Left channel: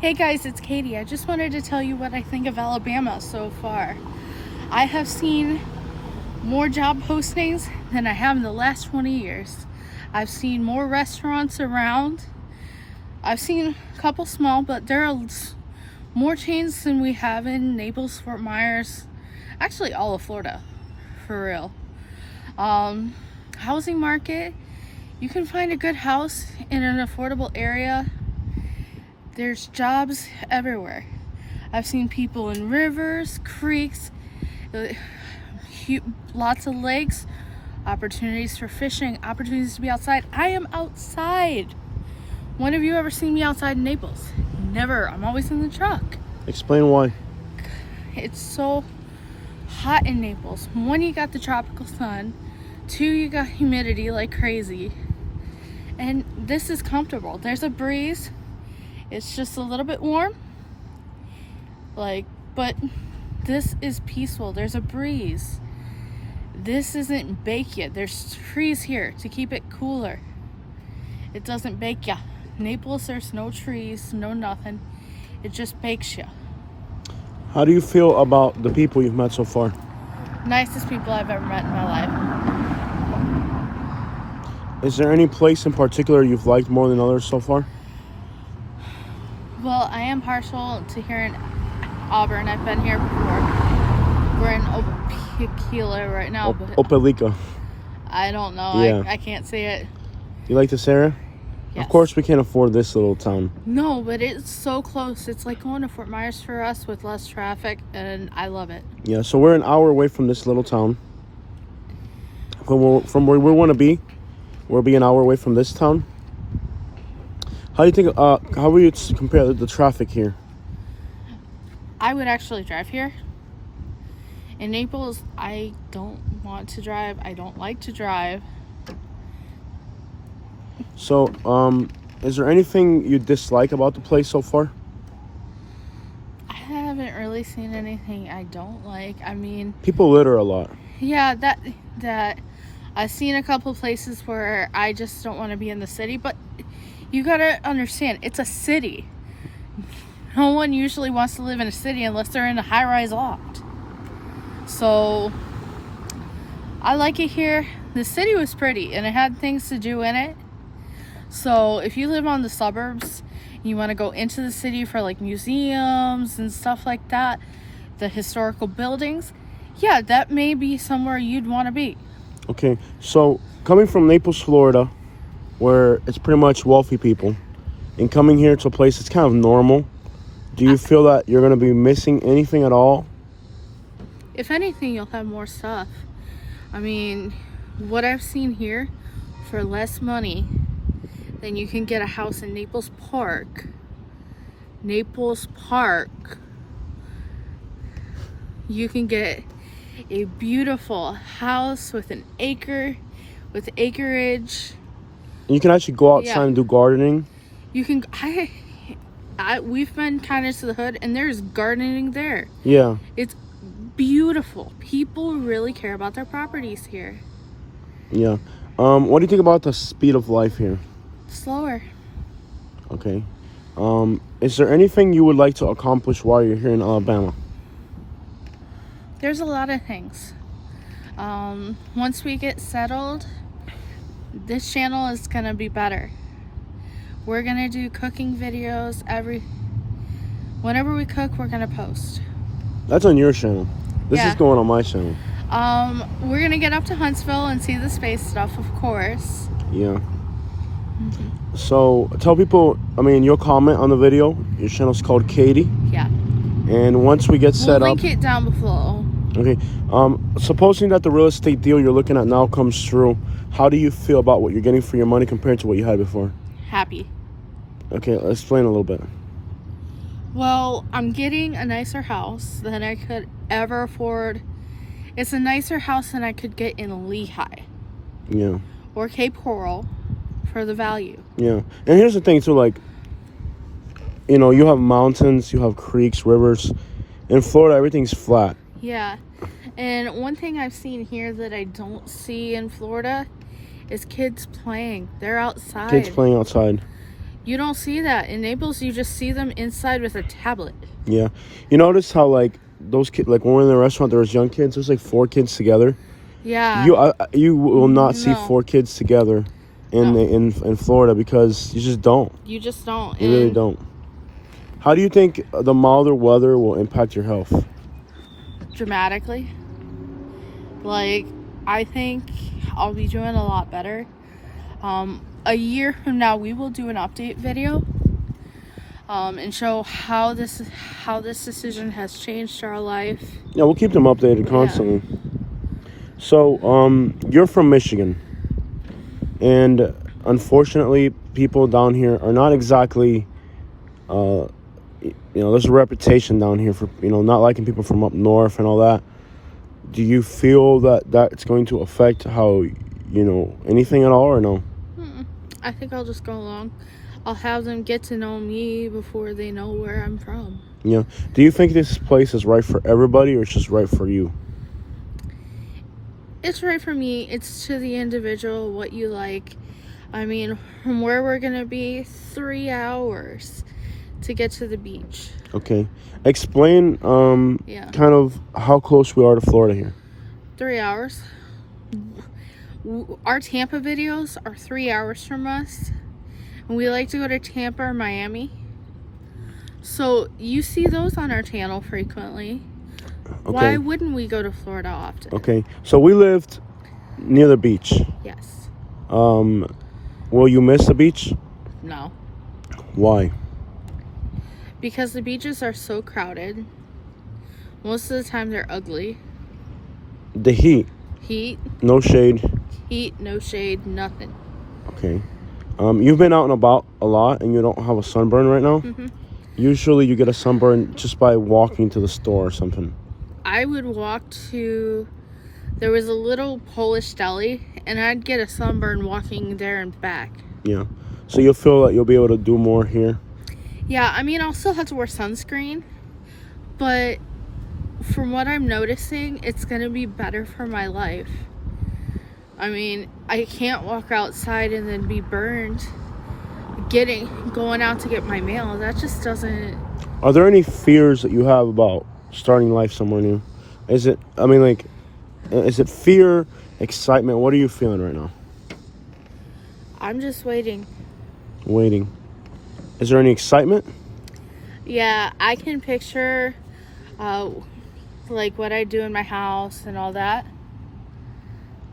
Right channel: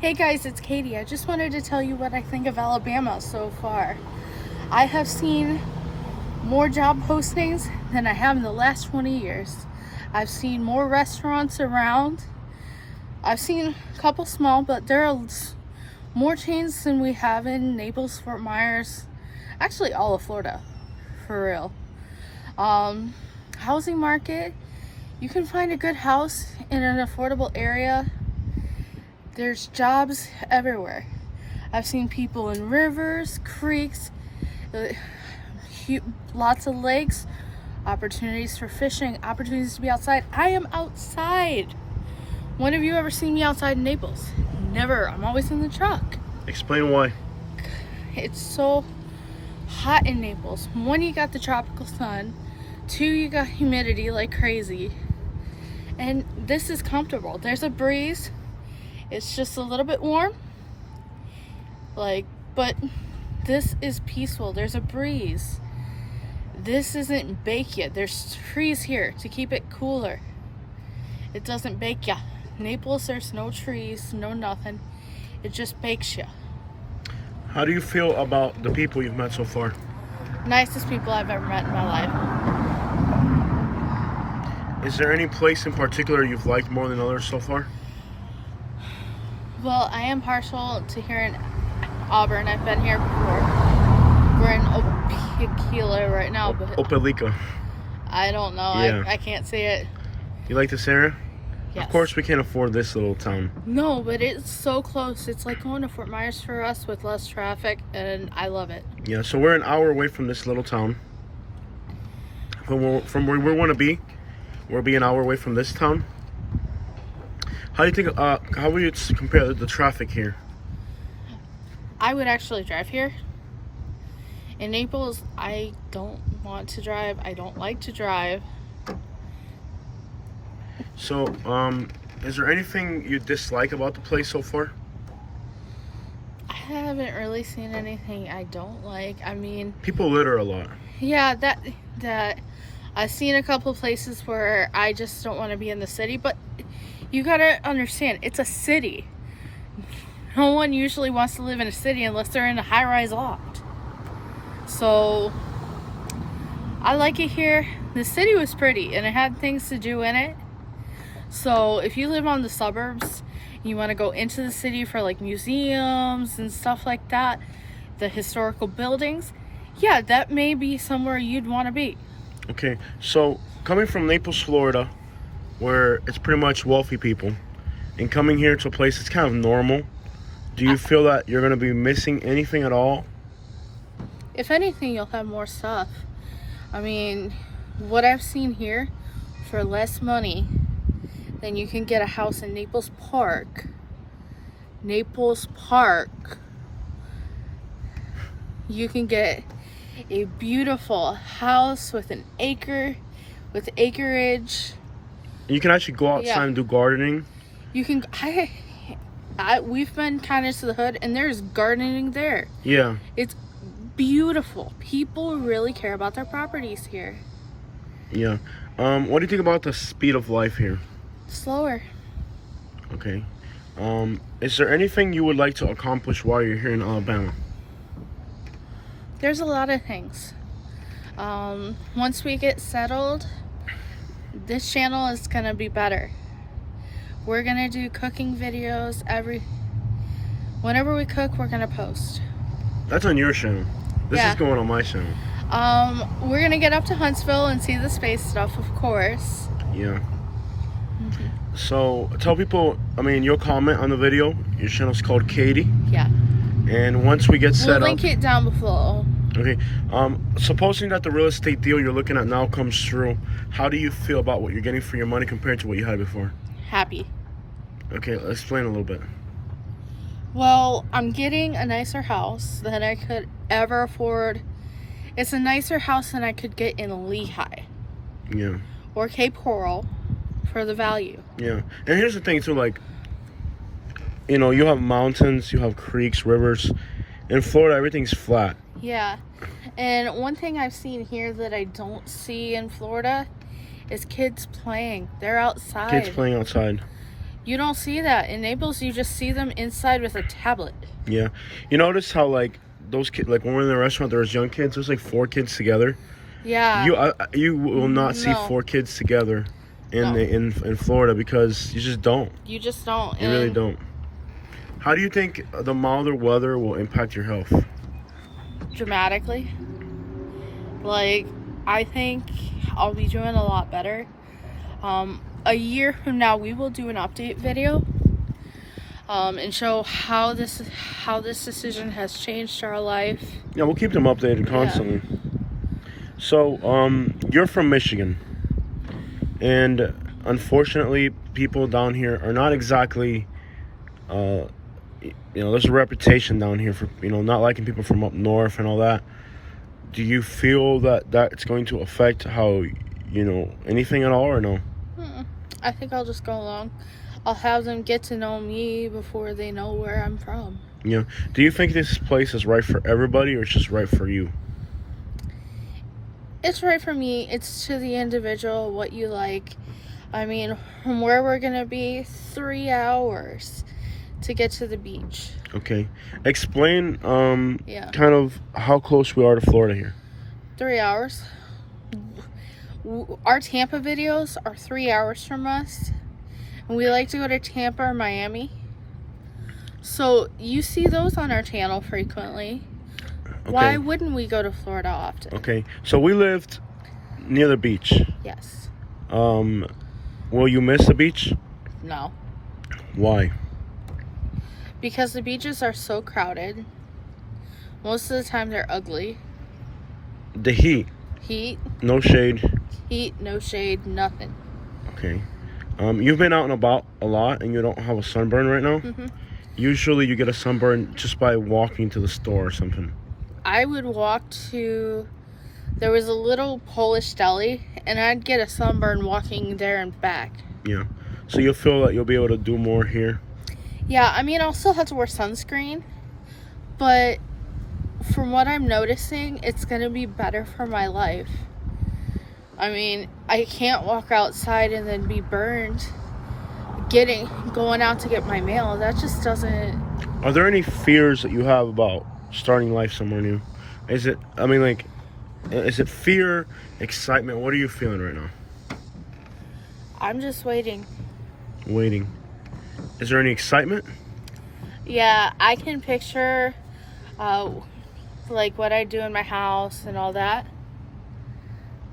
Hey guys, it's Katie. I just wanted to tell you what I think of Alabama so far. I have seen more job postings than I have in the last 20 years. I've seen more restaurants around. I've seen a couple small, but there are more chains than we have in Naples, Fort Myers, actually all of Florida, for real. Housing market, you can find a good house in an affordable area. There's jobs everywhere. I've seen people in rivers, creeks, lots of lakes, opportunities for fishing, opportunities to be outside. I am outside. When have you ever seen me outside in Naples? Never. I'm always in the truck. Explain why. It's so hot in Naples. One, you got the tropical sun. Two, you got humidity like crazy. And this is comfortable. There's a breeze. It's just a little bit warm. But this is peaceful. There's a breeze. This isn't bake yet. There's trees here to keep it cooler. It doesn't bake ya. Naples, there's no trees, no nothing. It just bakes ya. How do you feel about the people you've met so far? Nicest people I've ever met in my life. Is there any place in particular you've liked more than others so far? Well, I am partial to here in Auburn. I've been here before. We're in Opelika right now, but Opelika. I don't know. Yeah. I can't say it. You like this area? Yes. Of course we can't afford this little town. No, but it's so close. It's like going to Fort Myers for us with less traffic, and I love it. Yeah, so we're an hour away from this little town. From where we want to be, we'll be an hour away from this town. How do you think, how would you compare the traffic here? I would actually drive here. In Naples, I don't want to drive. I don't like to drive. So, is there anything you dislike about the place so far? I haven't really seen anything I don't like. I mean, People litter a lot. yeah, that I've seen a couple places where I just don't want to be in the city, but you gotta understand, it's a city. No one usually wants to live in a city unless they're in a high-rise loft. So I like it here. The city was pretty and it had things to do in it. So if you live on the suburbs, you want to go into the city for like museums and stuff like that, the historical buildings, yeah, that may be somewhere you'd want to be. Okay, so coming from Naples, Florida, where it's pretty much wealthy people, and coming here to a place that's kind of normal, do you feel that you're going to be missing anything at all? If anything, you'll have more stuff. I mean, what I've seen here, for less money than you can get a house in Naples Park. Naples Park. You can get a beautiful house with an acre, with acreage. And you can actually go outside Yeah. and do gardening. You can, we've been kind of to the hood and there's gardening there. Yeah. It's beautiful. People really care about their properties here. Yeah. What do you think about the speed of life here? Slower. Okay. Is there anything you would like to accomplish while you're here in Alabama? There's a lot of things. Once we get settled, this channel is gonna be better. We're gonna do cooking videos whenever we cook, we're gonna post. That's on your channel. This Yeah. is going on my channel. We're gonna get up to Huntsville and see the space stuff, of course. Yeah. So tell people, you'll comment on the video. Your channel's called Katie. Yeah. And once we get We'll set link up. it down below. Okay. Supposing that the real estate deal you're looking at now comes through, how do you feel about what you're getting for your money compared to what you had before? Happy. Okay, let's explain a little bit. Well, I'm getting a nicer house than I could ever afford. It's a nicer house than I could get in Lehigh Yeah. or Cape Coral for the value. Yeah. And here's the thing too, you have mountains, you have creeks, rivers. In Florida, everything's flat. Yeah. And one thing I've seen here that I don't see in Florida is kids playing. They're outside. Kids playing outside. You don't see that. In Naples, you just see them inside with a tablet. Yeah. You notice how, like, those kids, like, when we're in the restaurant, there's young kids. There's, like, 4 kids together. Yeah. You will not see No. 4 kids together in Florida because you just don't. You just don't. You really And don't. How do you think the milder weather will impact your health? dramatically. Like, I think I'll be doing a lot better. A year from now, we will do an update video and show how this decision has changed our life. Yeah, we'll keep them updated constantly. So, you're from Michigan, and unfortunately, people down here are not exactly, there's a reputation down here for, not liking people from up north and all that. Do you feel that that's going to affect how, anything at all, or no? I think I'll just go along. I'll have them get to know me before they know where I'm from. Yeah. Do you think this place is right for everybody, or it's just right for you? It's right for me. It's to the individual, what you like. I mean, from where we're going to be, 3 hours to get to the beach. Okay. Explain kind of how close we are to Florida here. 3 hours. Our Tampa videos are 3 hours from us. And we like to go to Tampa or Miami. So you see those on our channel frequently. Okay. Why wouldn't we go to Florida often? Okay. So we lived near the beach. Yes. Will you miss the beach? No. Why? Because the beaches are so crowded. Most of the time they're ugly. The heat. Heat, No shade. no shade, nothing. Okay. You've been out and about a lot, and you don't have a sunburn right now? Mm-hmm. Usually you get a sunburn just by walking to the store or something. I would walk to... There was a little Polish deli, and I'd get a sunburn walking there and back. Yeah. So you'll feel that you'll be able to do more here? Yeah, I mean, I'll still have to wear sunscreen, but from what I'm noticing, it's going to be better for my life. I mean, I can't walk outside and then be burned going out to get my mail. That just doesn't... Are there any fears that you have about starting life somewhere new? Is it fear, excitement? What are you feeling right now? I'm just waiting. Waiting. Is there any excitement? Yeah, I can picture like what I do in my house and all that.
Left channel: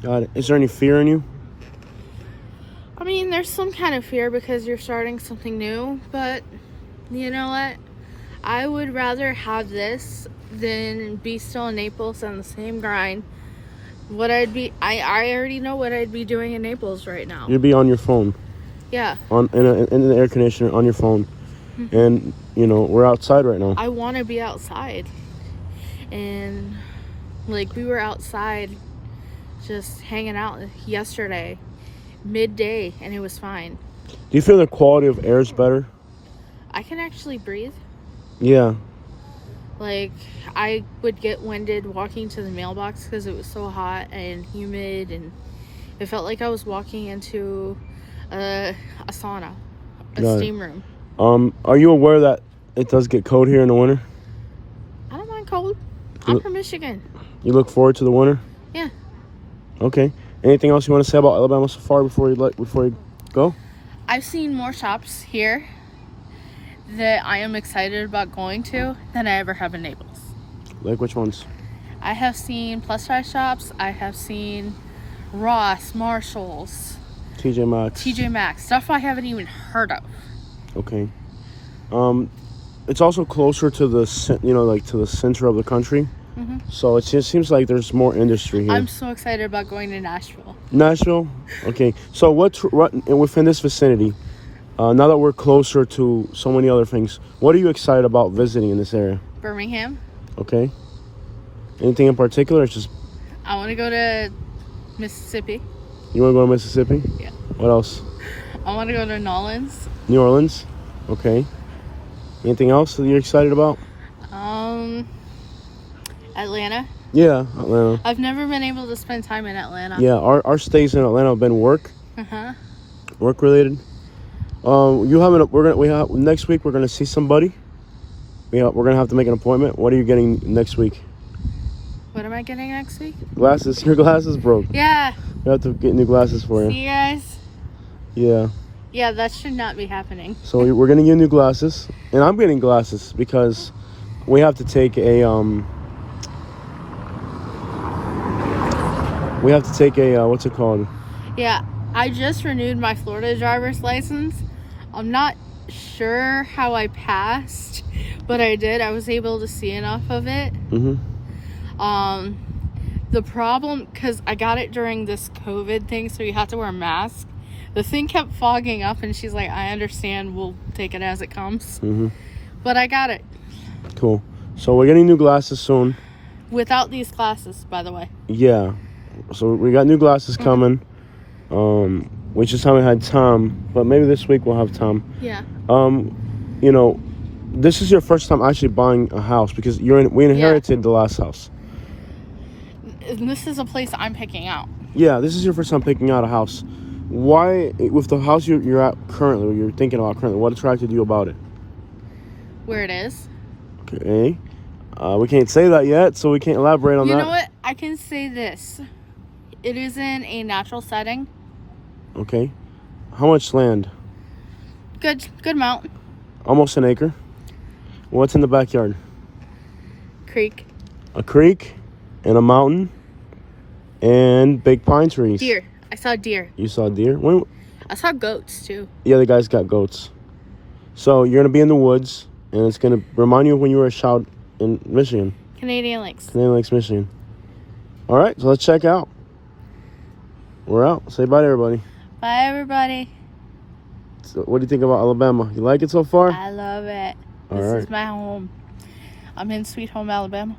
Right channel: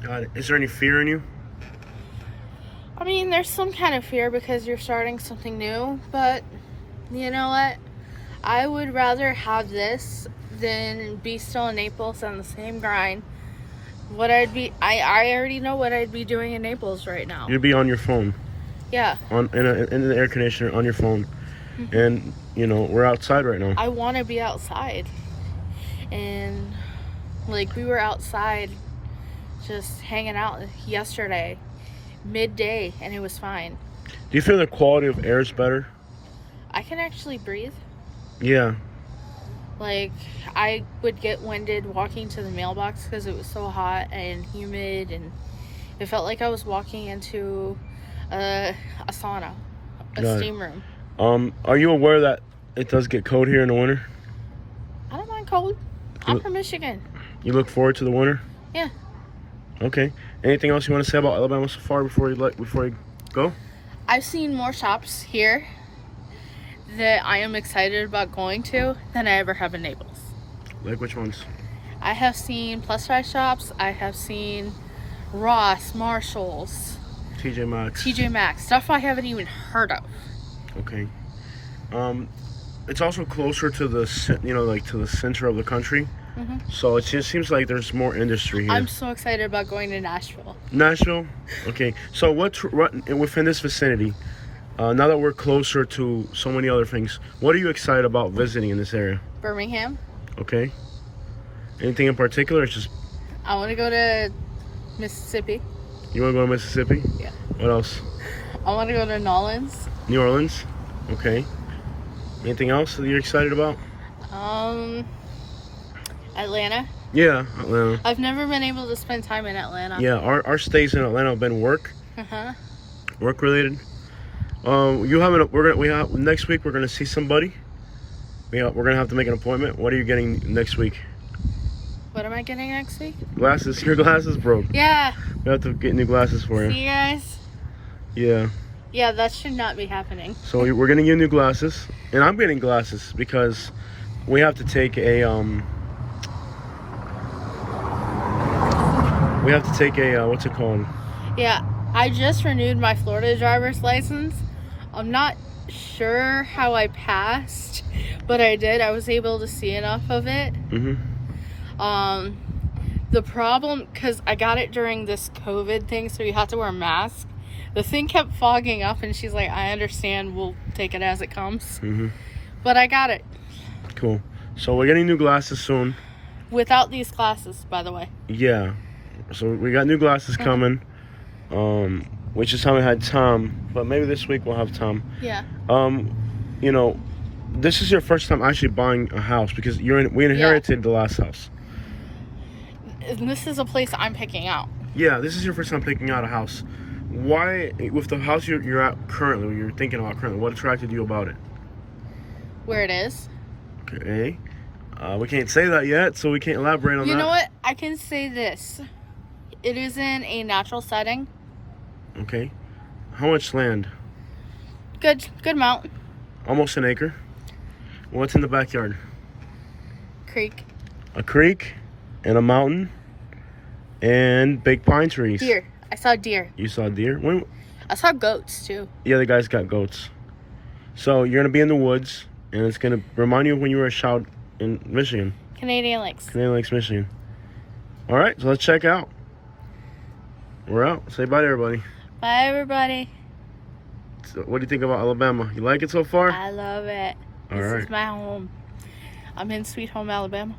Got it. Is there any fear in you? I mean, there's some kind of fear because you're starting something new, but you know what? I would rather have this than be still in Naples on the same grind. I already know what I'd be doing in Naples right now. You'd be on your phone. Yeah. In the air conditioner on your phone. Mm-hmm. And, we're outside right now. I want to be outside. And, like, we were outside just hanging out yesterday, midday, and it was fine. Do you feel the quality of air is better? I can actually breathe. Yeah. Like, I would get winded walking to the mailbox because it was so hot and humid, and it felt like I was walking into a sauna, a steam room. Are you aware that it does get cold here in the winter? I don't mind cold. I'm from Michigan. You look forward to the winter? Yeah. Okay. Anything else you want to say about Alabama Safari before you go? I've seen more shops here that I am excited about going to than I ever have in Naples. Like which ones? I have seen plus size shops. I have seen Ross, Marshalls, TJ Maxx, stuff I haven't even heard of. Okay. It's also closer to the to the center of the country. Mm-hmm. So it just seems like there's more industry here. I'm so excited about going to Nashville. Nashville? Okay. So what's within this vicinity? Now that we're closer to so many other things, what are you excited about visiting in this area? Birmingham. Okay. Anything in particular? It's just... I want to go to Mississippi. You want to go to Mississippi? Yeah. What else? I want to go to Nolens. New Orleans? Okay. Anything else that you're excited about? Atlanta. Yeah, Atlanta. I've never been able to spend time in Atlanta. Yeah, our stays in Atlanta have been work related. You having? Next week. We're gonna see somebody. We're gonna have to make an appointment. What are you getting next week? What am I getting next week? Glasses. Your glasses broke. Yeah. We have to get new glasses for you. See you guys? Yeah. Yeah, that should not be happening. So we're getting you new glasses, and I'm getting glasses because we have to take a what's it called? Yeah, I just renewed my Florida driver's license. I'm not sure how I passed, but I did. I was able to see enough of it. The problem, because I got it during this COVID thing, so you have to wear a mask. The thing kept fogging up, and she's like, I understand, we'll take it as it comes. But I got it. Cool. So we're getting new glasses soon. Without these glasses, by the way. Yeah. So we got new glasses coming. We just haven't had time, but maybe this week we'll have time. Yeah. You know, this is your first time actually buying a house because we inherited the last house. And this is a place I'm picking out. Yeah, this is your first time picking out a house. Why, with the house you're at currently, or you're thinking about currently, what attracted you about it? Where it is. Okay. We can't say that yet, so we can't elaborate on that. You know what? I can say this. It is in a natural setting. Okay. How much land? Good amount. Almost an acre. What's in the backyard? Creek. A creek and a mountain and big pine trees. Deer. I saw deer. You saw deer? When? I saw goats too. Yeah, the guy's got goats. So you're gonna be in the woods, and it's gonna remind you of when you were a child in Michigan. Canadian Lakes. Canadian Lakes, Michigan. All right, so let's check out. We're out. Say bye to everybody. Bye, everybody. So what do you think about Alabama? You like it so far? I love it. All This right. is my home. I'm in Sweet Home, Alabama.